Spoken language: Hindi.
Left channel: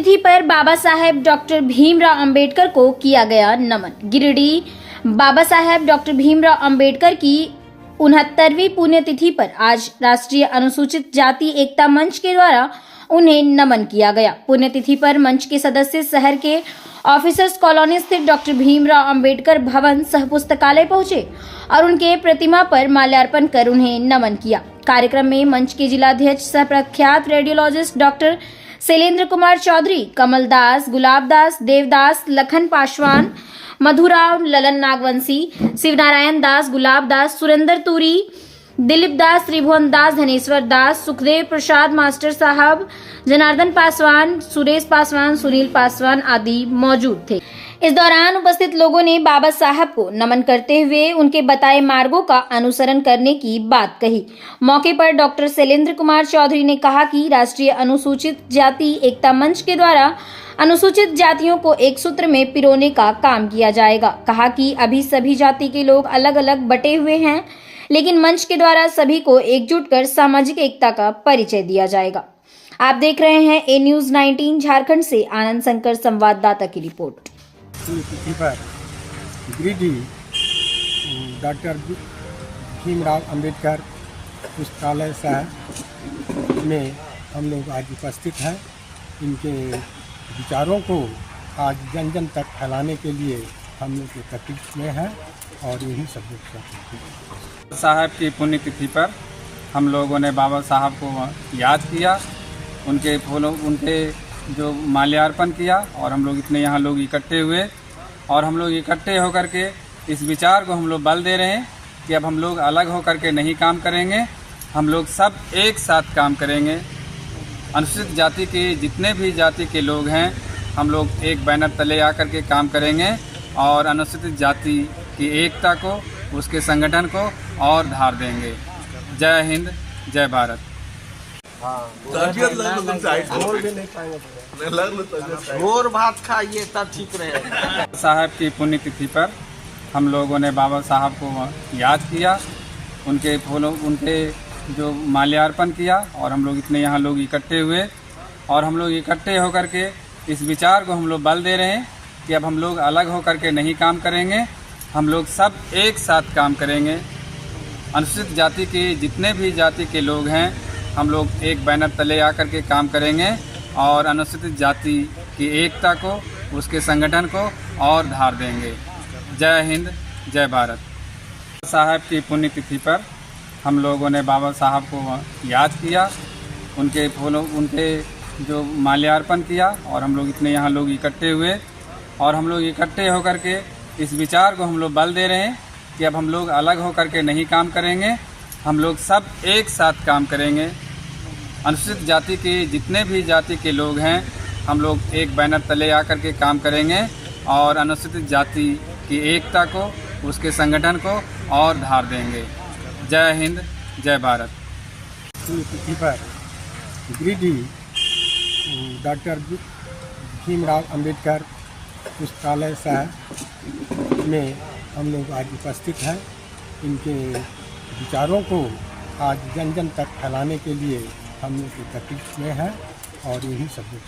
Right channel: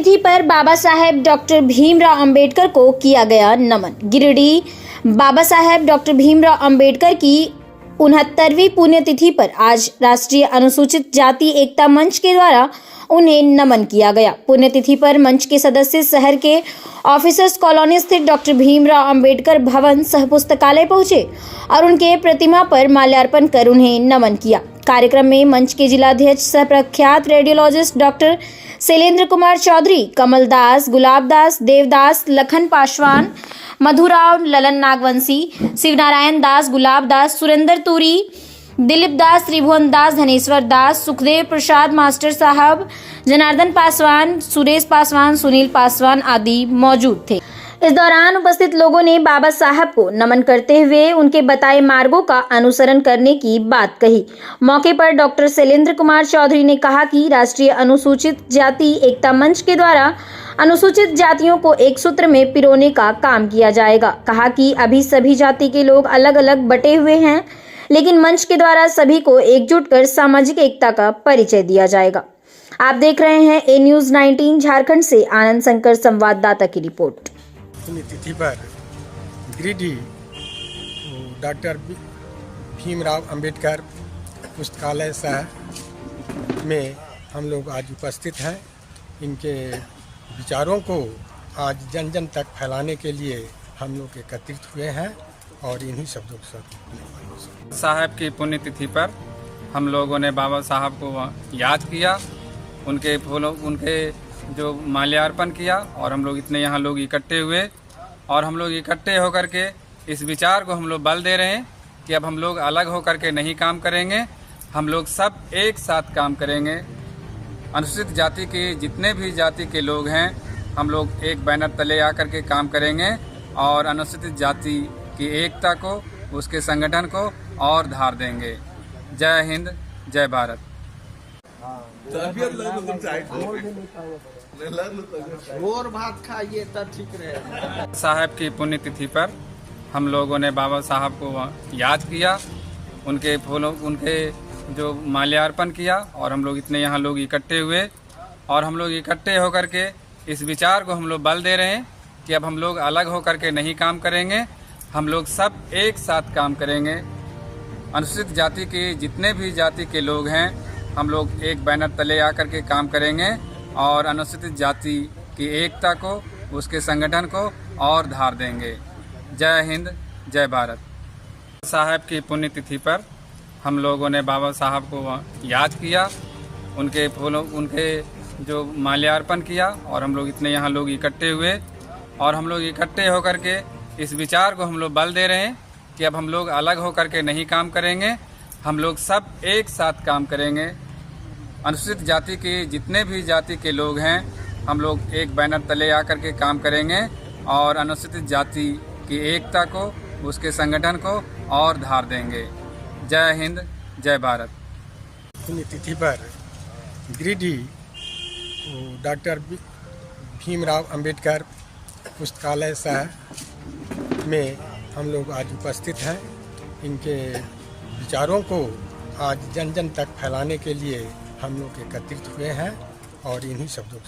पुण्यतिथि पर बाबा साहेब डॉक्टर भीमराव अंबेडकर को किया गया नमन। गिरिडीह बाबा साहेब डॉक्टर भीमराव अंबेडकर की 69वीं पुण्यतिथि पर आज राष्ट्रीय अनुसूचित जाति एकता मंच के द्वारा उन्हें नमन किया गया। पुण्यतिथि पर मंच के सदस्य शहर के ऑफिसर्स कॉलोनी स्थित डॉक्टर भीमराव अंबेडकर भवन सह पुस्तकालय पहुंचे और उनके प्रतिमा पर माल्यार्पण कर उन्हें नमन किया। कार्यक्रम में मंच के जिलाध्यक्ष सह प्रख्यात रेडियोलॉजिस्ट डॉक्टर शैलेंद्र कुमार चौधरी, कमल दास, गुलाब दास, देवदास, लखन पासवान, मधुराव, ललन नागवंशी, शिवनारायण दास, गुलाब दास, सुरेंद्र तुरी, दिलीप दास, त्रिभुवन दास, धनेश्वर दास, सुखदेव प्रसाद मास्टर साहब, जनार्दन पासवान, सुरेश पासवान, सुनील पासवान आदि मौजूद थे। इस दौरान उपस्थित लोगों ने बाबा साहब को नमन करते हुए उनके बताए मार्गों का अनुसरण करने की बात कही। मौके पर डॉक्टर शैलेंद्र कुमार चौधरी ने कहा कि राष्ट्रीय अनुसूचित जाति एकता मंच के द्वारा अनुसूचित जातियों को एक सूत्र में पिरोने का काम किया जाएगा। कहा कि अभी सभी जाति के लोग अलग अलग बटे हुए हैं, लेकिन मंच के द्वारा सभी को एकजुट कर सामाजिक एकता का परिचय दिया जाएगा। आप देख रहे हैं ए न्यूज़ 19 झारखंड से आनंद शंकर संवाददाता की रिपोर्ट। पुण्यतिथि पर गिरिडीह डॉक्टर भीमराव अंबेडकर पुस्तकालय साहब में हम लोग आज उपस्थित हैं। इनके विचारों को आज जन जन तक फैलाने के लिए हम लोग एकत्रित हुए हैं और इन्हीं सब लोग साहब की पुण्यतिथि पर हम लोगों ने बाबा साहब को याद किया, उनके जो माल्यार्पण किया और हम लोग इतने यहाँ लोग इकट्ठे हुए और हम लोग इकट्ठे होकर के इस विचार को हम लोग बल दे रहे हैं कि अब हम लोग अलग होकर के नहीं काम करेंगे, हम लोग सब एक साथ काम करेंगे। अनुसूचित जाति के जितने भी जाति के लोग हैं हम लोग एक बैनर तले आकर के काम करेंगे और अनुसूचित जाति की एकता को, उसके संगठन को और धार देंगे। जय हिंद, जय भारत। और भात खाइए तब ठीक रहेगा। साहब की पुण्यतिथि पर हम लोगों ने बाबा साहब को याद किया, उनके जो माल्यार्पण किया और हम लोग इतने यहाँ लोग इकट्ठे हुए और हम लोग इकट्ठे होकर के इस विचार को हम लोग बल दे रहे हैं कि अब हम लोग अलग होकर के नहीं काम करेंगे, हम लोग सब एक साथ काम करेंगे। अनुसूचित जाति के जितने भी जाति के लोग हैं हम लोग एक बैनर तले आकर के काम करेंगे और अनुसूचित जाति की एकता को, उसके संगठन को और धार देंगे। जय हिंद, जय भारत। साहब की पुण्यतिथि पर हम लोगों ने बाबा साहब को याद किया, उनके जो माल्यार्पण किया और हम लोग इतने यहाँ लोग इकट्ठे हुए और हम लोग इकट्ठे होकर के इस विचार को हम लोग बल दे रहे हैं कि अब हम लोग अलग होकर के नहीं काम करेंगे, हम लोग सब एक साथ काम करेंगे। अनुसूचित जाति के जितने भी जाति के लोग हैं हम लोग एक बैनर तले आकर के काम करेंगे और अनुसूचित जाति की एकता को, उसके संगठन को और धार देंगे। जय हिंद, जय भारत। पुण्यतिथि पर गिरिडीह डॉक्टर भीमराव अंबेडकर पुस्तकालय साहब में हम लोग आज उपस्थित हैं। इनके विचारों को आज जन जन तक फैलाने के लिए हम लोग एकत्रित हुए हैं और इन्हीं सब लोग